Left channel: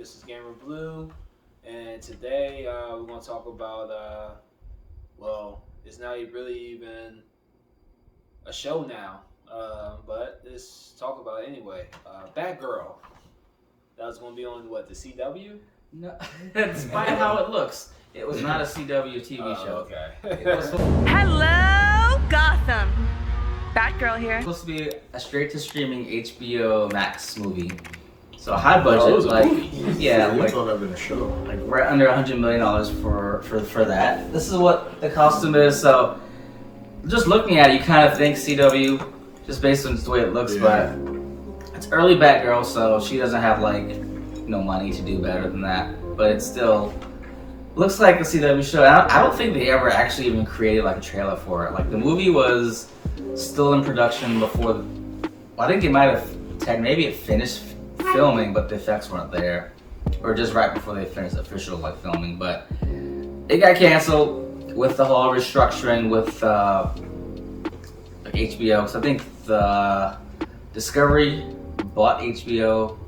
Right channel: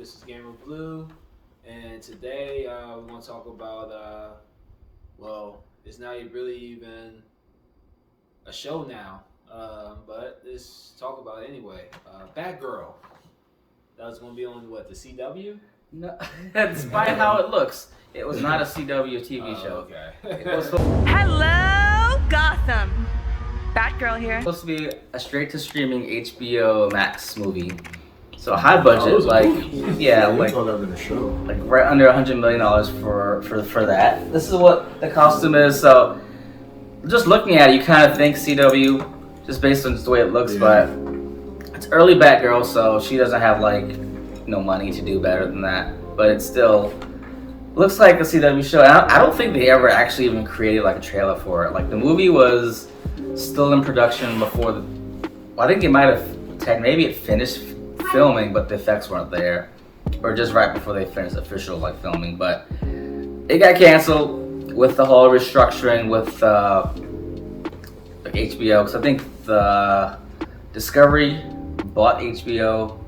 This is Gamerbloo, and today we want to talk about, it's not really even a show now, but let's talk about it anyway. Batgirl. That was going to be on the CW? No, despite how it looks, it was not a CW TV show. Okay. It was Hello, Gotham. Batgirl here. supposed to be a straight-to-streaming HBO Max movie. So high budget, like thought of in a show. like right under $100 million for that. This is what the costume is. So just looking at it, you kind of think CW, just based on the way it looks. But it's early Batgirl, so she doesn't have no money to do better than that. But it still looks like a CW show. I don't think they ever actually even created a trailer for it. Like the movie was still in production before I think it might have maybe it finished filming, but the effects weren't there, or just right before they finished official filming. But it got canceled with the whole restructuring with HBO, because I think the Discovery bought HBO,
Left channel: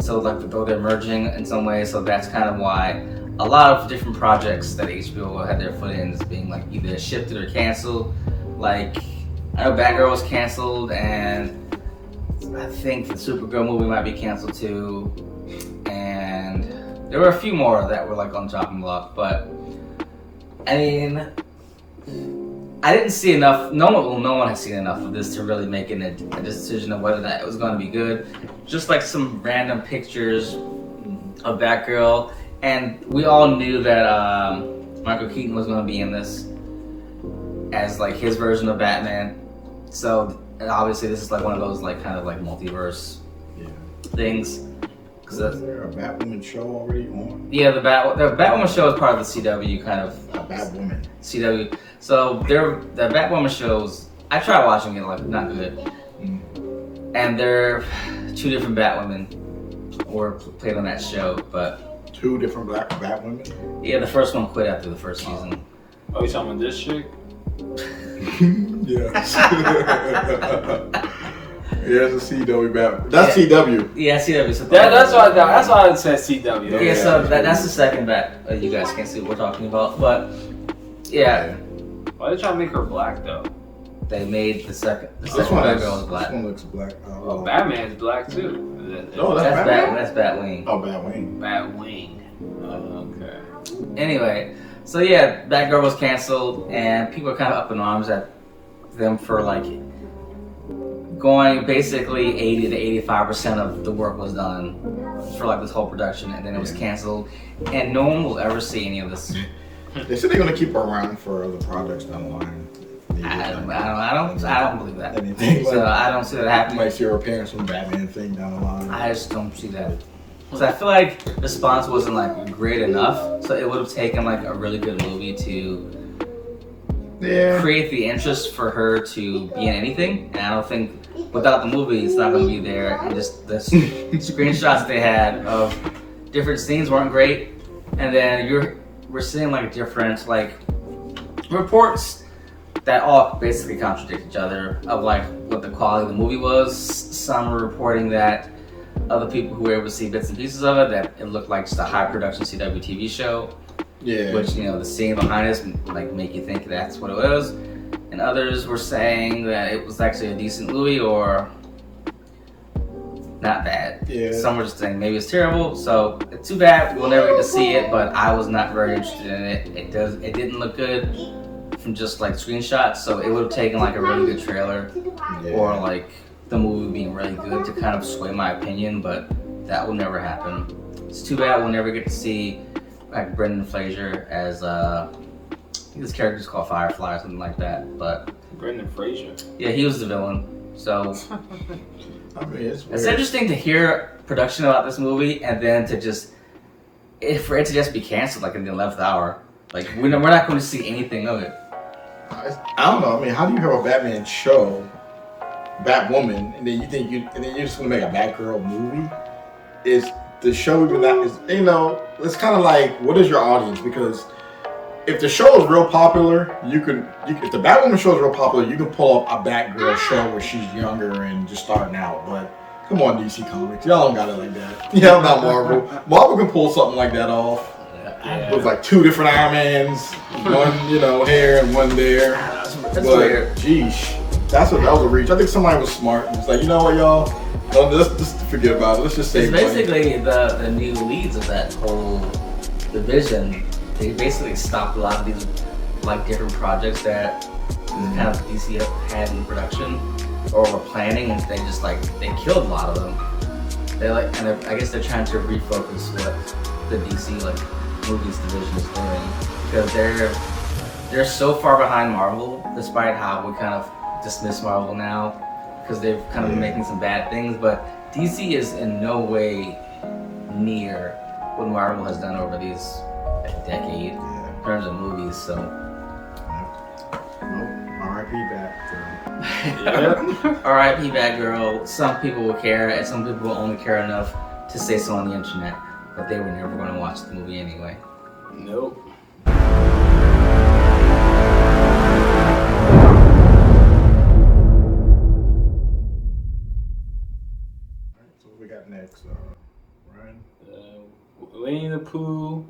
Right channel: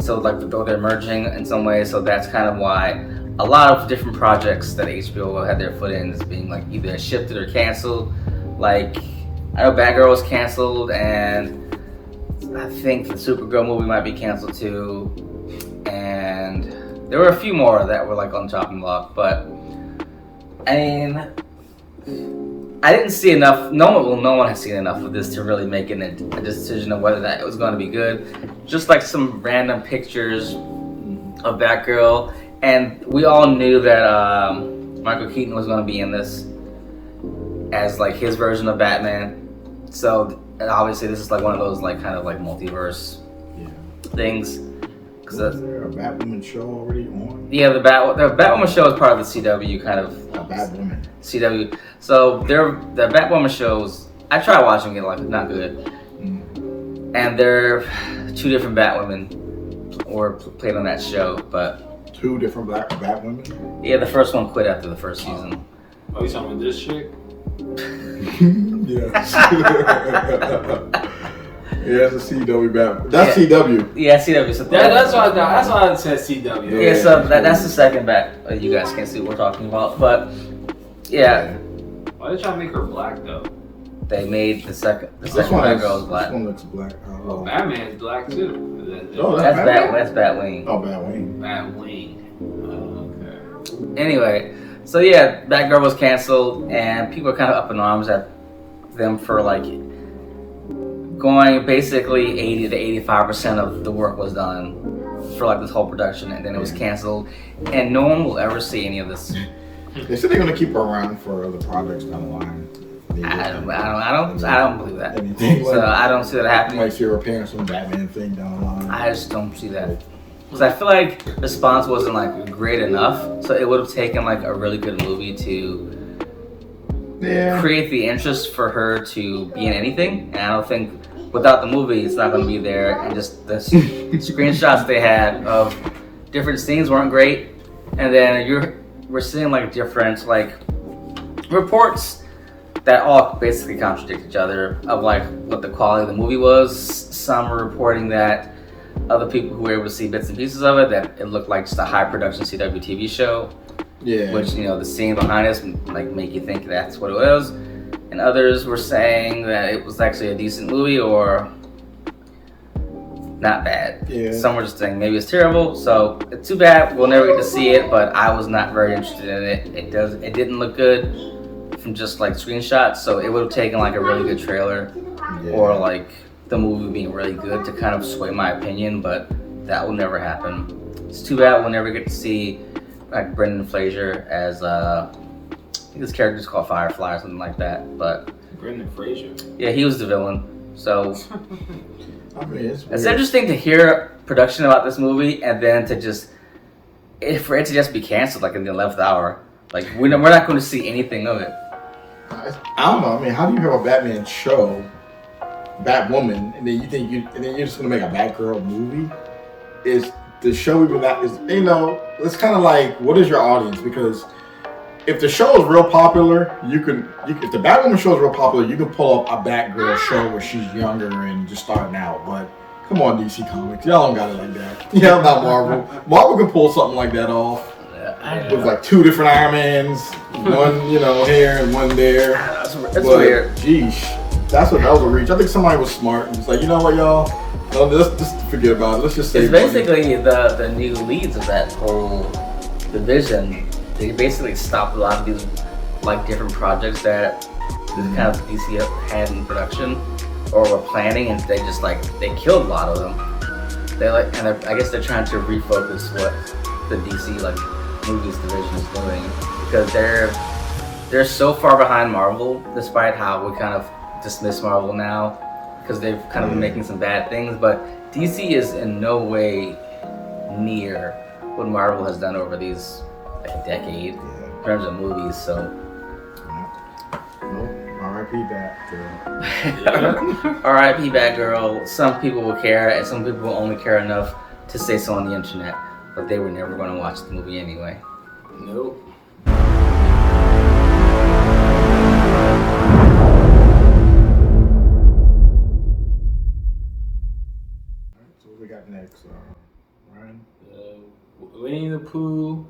so they're merging in some way. So that's kind of why a lot of different projects that HBO had their foot in is being either shifted or canceled. I know Batgirl was canceled, and I think the Supergirl movie might be canceled too, and there were a few more that were on chopping block. But I mean, I didn't see enough. No one has seen enough of this to really make a decision of whether that it was going to be good. Just some random pictures of Batgirl, and we all knew that Michael Keaton was going to be in this as his version of Batman. So obviously this is one of those kind of multiverse things. Is there a Batwoman show already on? Yeah, the Batwoman show is part of the CW kind of. A Batwoman. CW. So the Batwoman shows, I tried watching it, not good. And there are two different Batwomen were played on that show, but Two different Batwomen? yeah, the first one quit after the first season. Oh, you talking about this chick? Yes. Yeah, it's a CW Batwoman. That's CW. Yeah, CW. So That's why I said CW. yeah, so that's the second Bat. You guys can't see what we're talking about, but yeah. Why did y'all make her black though? They made the second This one Batgirl is black. This one looks black. Oh, Batman's black too. No, That's Batman. That's Batwing. Oh, Batwing. Batwing. Okay. Anyway, so yeah, Batgirl was canceled, and people are kind of up in arms at them for going basically 80 to 85% of the work was done for this whole production, and then it was canceled, and no one will ever see any of this. They said they're gonna keep her around for other projects down the line. I don't believe that. Anything So I don't see that You happening. might see her appearing some Batman thing down the line. I just don't see that. Because I feel like the response wasn't great enough, so it would have taken a really good movie to create the interest for her to be in anything. And I don't think without the movie it's not going to be there. And just the screenshots they had of different scenes weren't great. And then we're seeing different reports that all basically contradict each other of what the quality of the movie was. Some are reporting that other people who were able to see bits and pieces of it, that it looked like just a high production CW TV show. Yeah. Which, the scene behind us make you think that's what it was. And others were saying that it was actually a decent movie or not bad. Yeah. Some were just saying maybe it's terrible. So it's too bad we'll never get to see it, but I was not very interested in it. It didn't look good from just screenshots, so it would have taken a really good trailer or the movie being really good to kind of sway my opinion, but that will never happen. It's too bad we'll never get to see Brendan Fraser as I think his character is called Firefly or something like that. But Brendan Fraser. yeah, he was the villain. So I mean, it's weird. it's interesting to hear production about this movie and then for it to just be canceled in the 11th hour. We're not going to see anything of it. I don't know. I mean, how do you have a Batman show, Batwoman, and then you're just gonna make a Batgirl movie? Is the show even that? It's kind of what is your audience? Because if the show is real popular, if the Batwoman show is real popular, you can pull up a Batgirl show where she's younger and just starting out. But Come on, DC Comics. Y'all don't got it like that. Y'all not Marvel. Marvel can pull something like that off. With like 2 different Iron Mans, one here and one there. That's but weird. Geesh, that was a reach. I think somebody was smart and was like, you know what, y'all? No, let's just forget about it. Let's just save It's basically the new leads of that whole division. They basically stopped a lot of these like different projects that kind of DC had in production or were planning, and they just they killed a lot of them. They I guess they're trying to refocus what the DC movies division is doing, because they're so far behind Marvel, despite how we kind of dismiss Marvel now because they've kind of been making some bad things, but DC is in no way near what Marvel has done over these decade in terms of movies. So well, R.I.P. Batgirl. R.I.P. Batgirl. Some people will care, and some people will only care enough to say so on the internet, but they were never going to watch the movie anyway. Nope. Alright, so what we got next? Ryan? Winnie the Pooh,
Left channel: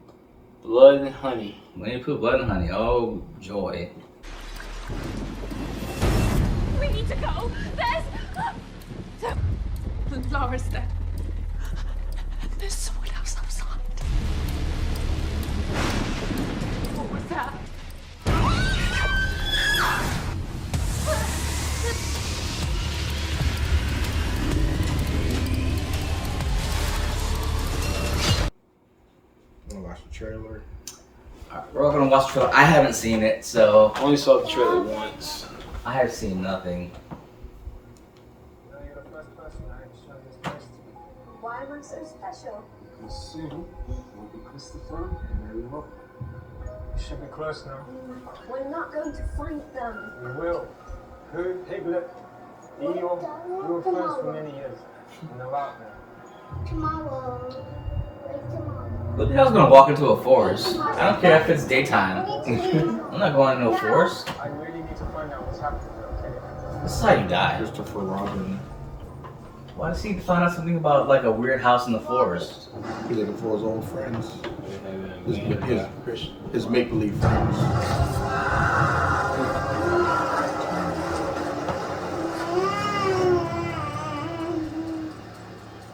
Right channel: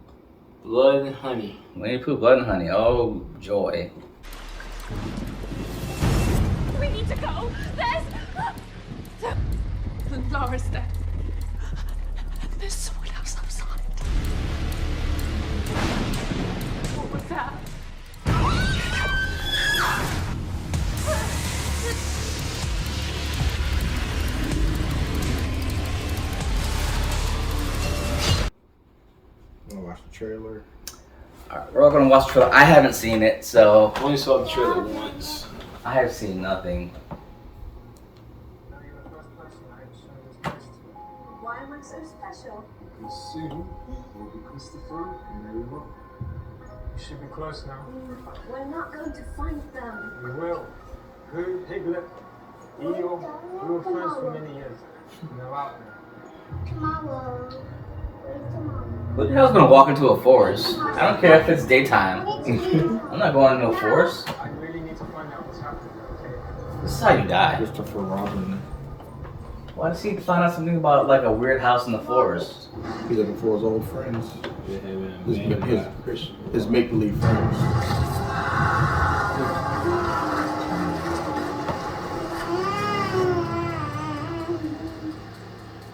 Blood and Honey. Winnie the Pooh, Blood and Honey. Oh, joy. We need to go. Laura's dead. There's someone else outside. What was that? Wanna watch the trailer? Alright, we're all gonna watch the trailer. I haven't seen it, so I only saw the trailer once. I have seen nothing. You're the first person I have shown this place to. Why am I so special? Because soon will be Christopher and Mary Rock. You should be close now. We're not going to find them. We will. Pooh, Piglet, Eeyore, we were friends for many years. And they're out now. Tomorrow. Who the hell's gonna walk into a forest? I don't care if it's daytime. I'm not going into a forest. I really need to find out what's happening, okay? This is how you die. Christopher Robin. Why does he find out something about a weird house in the forest? He's looking for his old friends. His His make-believe friends.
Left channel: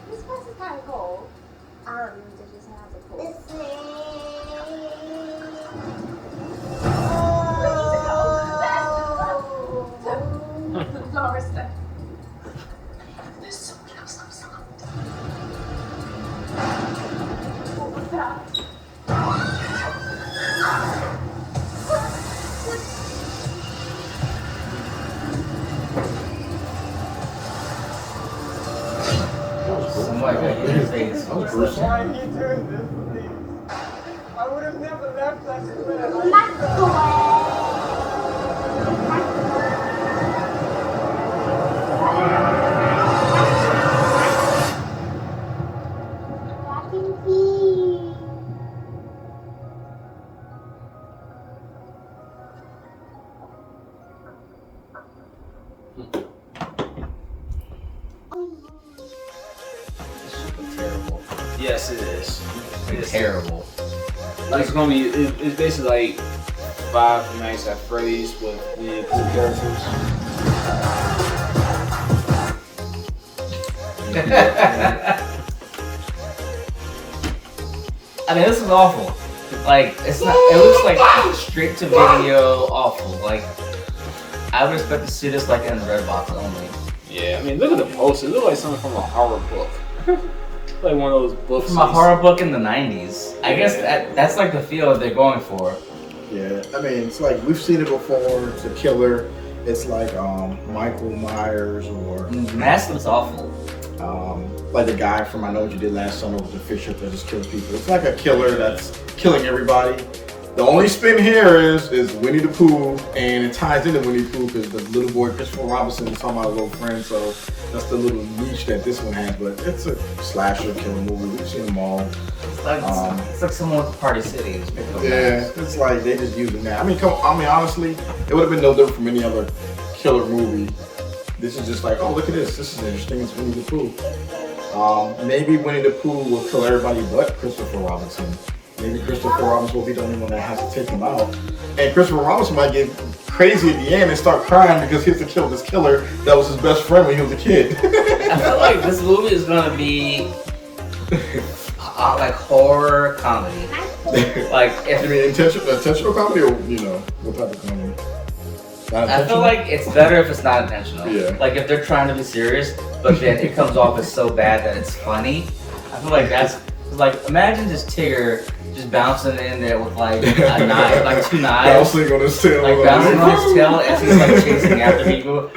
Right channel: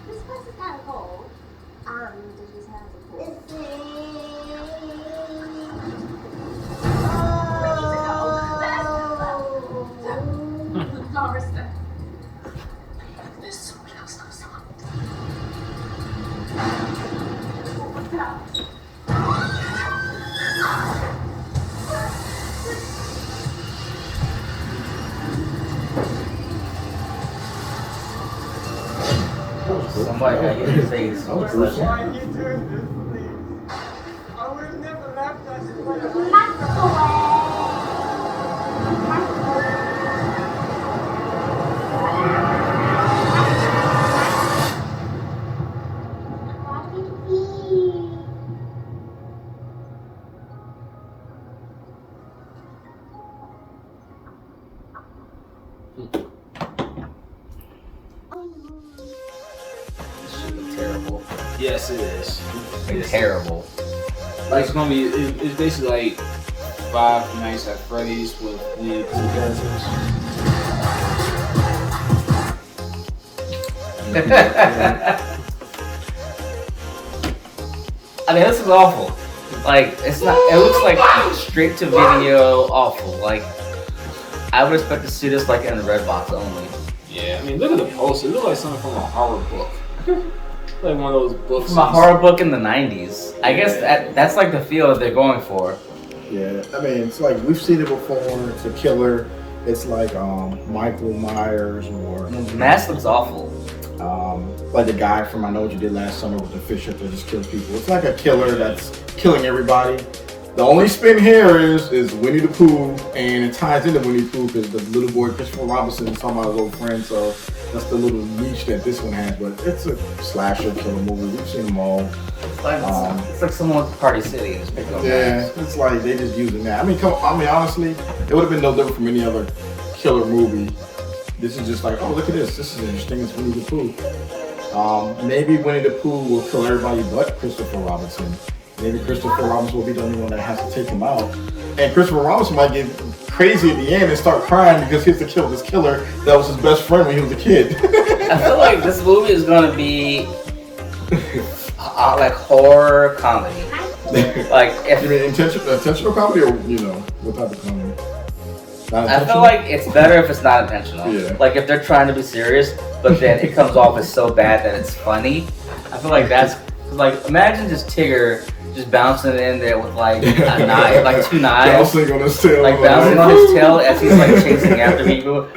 This place is kind of cold. And it just has a pool. We need to go. Laura's dead. There's someone else outside. What was that? Somebody got hit in the face. That was gruesome. Why are you doing this, please? I would have never left us Terrible. Yes, it is. It's terrible. It's gonna be. It's basically like Five Nights at Freddy's with Winnie the Pooh characters. I mean, this is awful. It's not. It looks like straight to video awful. I would expect to see this in Redbox only. Yeah, I mean, look at the poster. It looks like something from a horror book. Like one of those books. From a horror book in the 90s. I guess that's the feel that they're going for. Yeah, I mean, it's like we've seen it before. It's a killer. It's like Michael Myers or The mask looks awful. like the guy from I Know What You Did Last Summer with the fish hook that just kills people. It's like a killer that's killing everybody. The only spin here is Winnie the Pooh, and it ties into Winnie the Pooh because the little boy Christopher Robinson is talking about his old friend, so that's the little niche that this one has. But it's a slasher killer movie. We've seen them all. It's like someone's Party City and just picking up Yeah, masks. it's like they just using that. I mean, honestly, it would have been no different from any other killer movie. This is just like, oh, look at this. This is interesting. It's Winnie the Pooh. Maybe Winnie the Pooh will kill everybody but Christopher Robinson. Maybe Christopher Robinson will be the only one that has to take him out. And Christopher Robinson might get crazy at the end and start crying because he has to kill this killer that was his best friend when he was a kid. I feel like this movie is gonna be like horror comedy. Like, if you mean intentional comedy, or what type of comedy? Not I feel like it's better if it's not intentional. Yeah. Like if they're trying to be serious, but then it comes off as so bad that it's funny. I feel like that's like, imagine just Tigger just bouncing in there with like a knife, like 2 knives. Bouncing on his tail. Like bouncing on his tail as he's like chasing after people.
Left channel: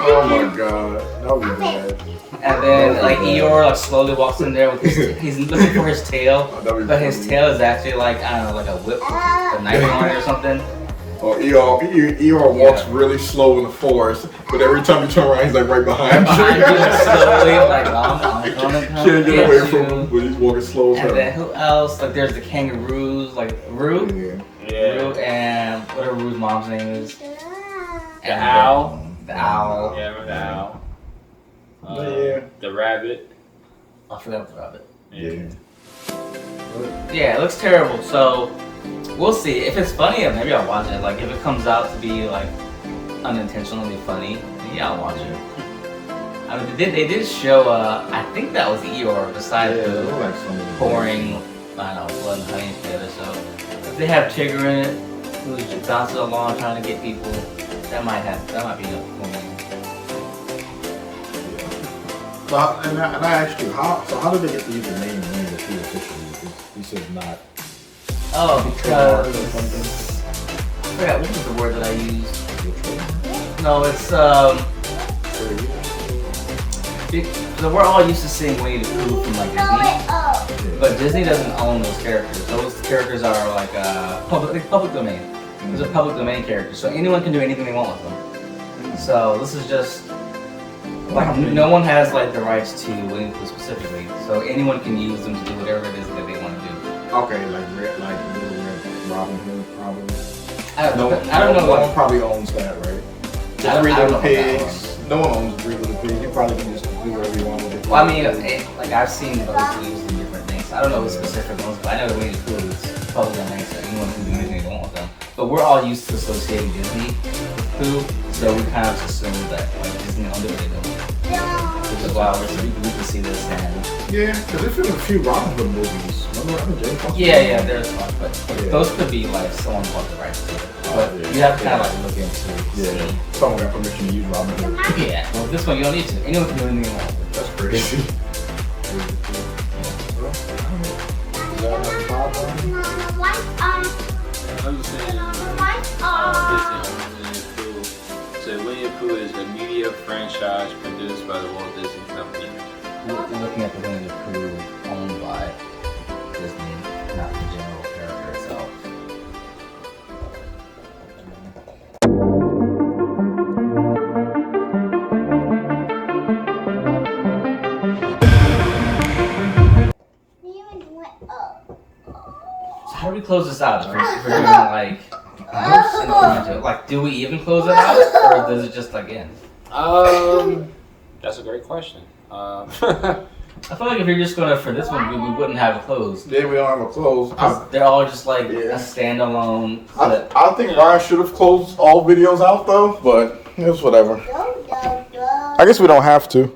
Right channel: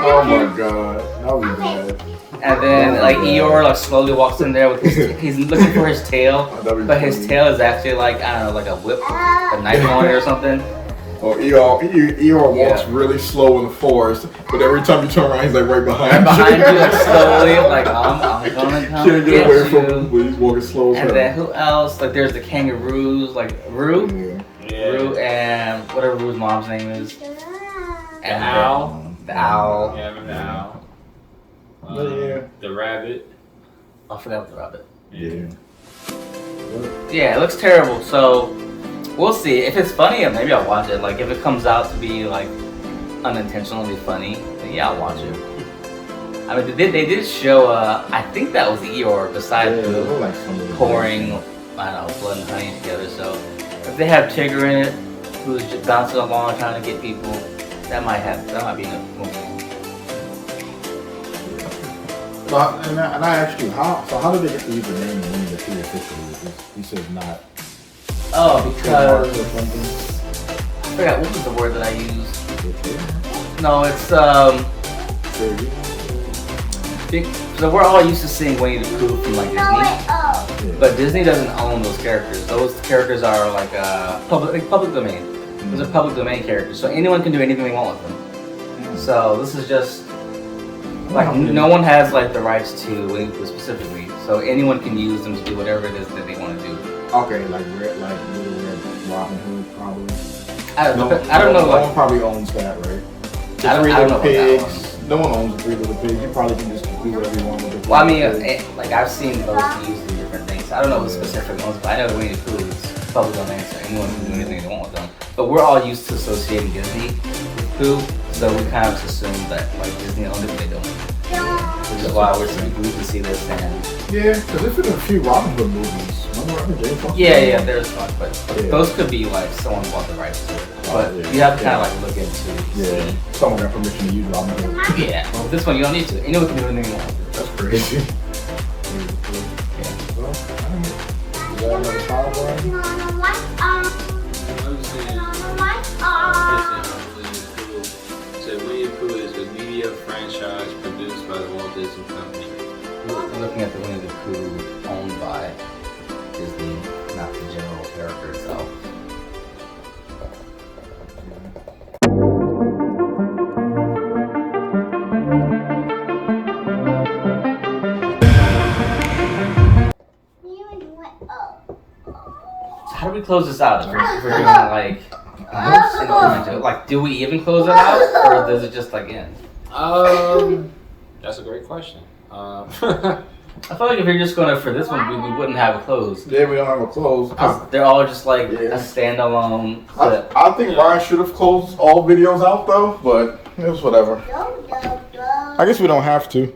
Oh my god, that would be bad. And then like Eeyore like slowly walks in there with he's looking for his tail, but his tail is actually like, I don't know, like a whip with a knife on it or something. Or Eeyore walks really slow in the forest, but every time you turn around, he's like right behind you. Like, slowly, like I'm gonna come Can't get away from you. him, but he's walking slow as hell. And then who else? Like there's the kangaroos, like Roo, Roo, and whatever Roo's mom's name is. And The owl. The owl. Yeah, the owl. The rabbit. I forgot the rabbit. Yeah. Yeah, it looks terrible. So we'll see. If it's funny, maybe I'll watch it. Like if it comes out to be like unintentionally funny, then yeah, I'll watch it. I mean, they did show. I think that was Eeyore beside Pooh like some of the pouring, I don't know, blood and honey together. So if they have Tigger in it, who's just bouncing along trying to get people, that might be a movie. And I asked you, how did they get to use the name Winnie the Pooh officially? He says not. Oh, Trademark because or something. I forgot what was the word that I used. No, it's so we're all used to seeing Winnie the Pooh from like Disney, but Disney doesn't own those characters. Those characters are like public domain. Those are public domain characters, so anyone can do anything they want with them. So this is just like no one has like the rights to Winnie the Pooh specifically, so anyone can use them to do whatever it is that they want to do. Okay, like Little Red Robin Hood, probably. I don't know. No one probably owns that, right? The Three Little Pigs. No one owns the Three Little Pigs. You probably can just do whatever you want with it. Well, I mean, like I've seen those used in different things. I don't know the specific ones, but I know Winnie the Pooh is public domain, so anyone can do anything they want with them. But we're all used to associating Disney with Pooh, so we kind of just assume that like Disney owned it, but they don't. Which is why we can see this and yeah, because there's been a few Robin Hood movies. Remember Robin James? Yeah, there's one, but those could be like someone bought the rights to it. But you have to kind of like look into. Yeah, someone got permission to use Robin Hood. Yeah, well, this one you don't need to. Anyone can do anything they want. That's crazy. Well, is that another timeline? I was saying, so Winnie the Pooh is a media franchise produced by the Walt Disney Company. We're looking at the Winnie the Pooh owned by Disney, not the general character itself. So how do we close this out? If we're doing like, do we even close it out, or does it just like end? That's a great question. I feel like if you're just gonna, for this one, we wouldn't have a close. Yeah, we don't have a close. They're all just like a standalone clip. I think Ryan should have closed all videos out though, but it's whatever. I guess we don't have to.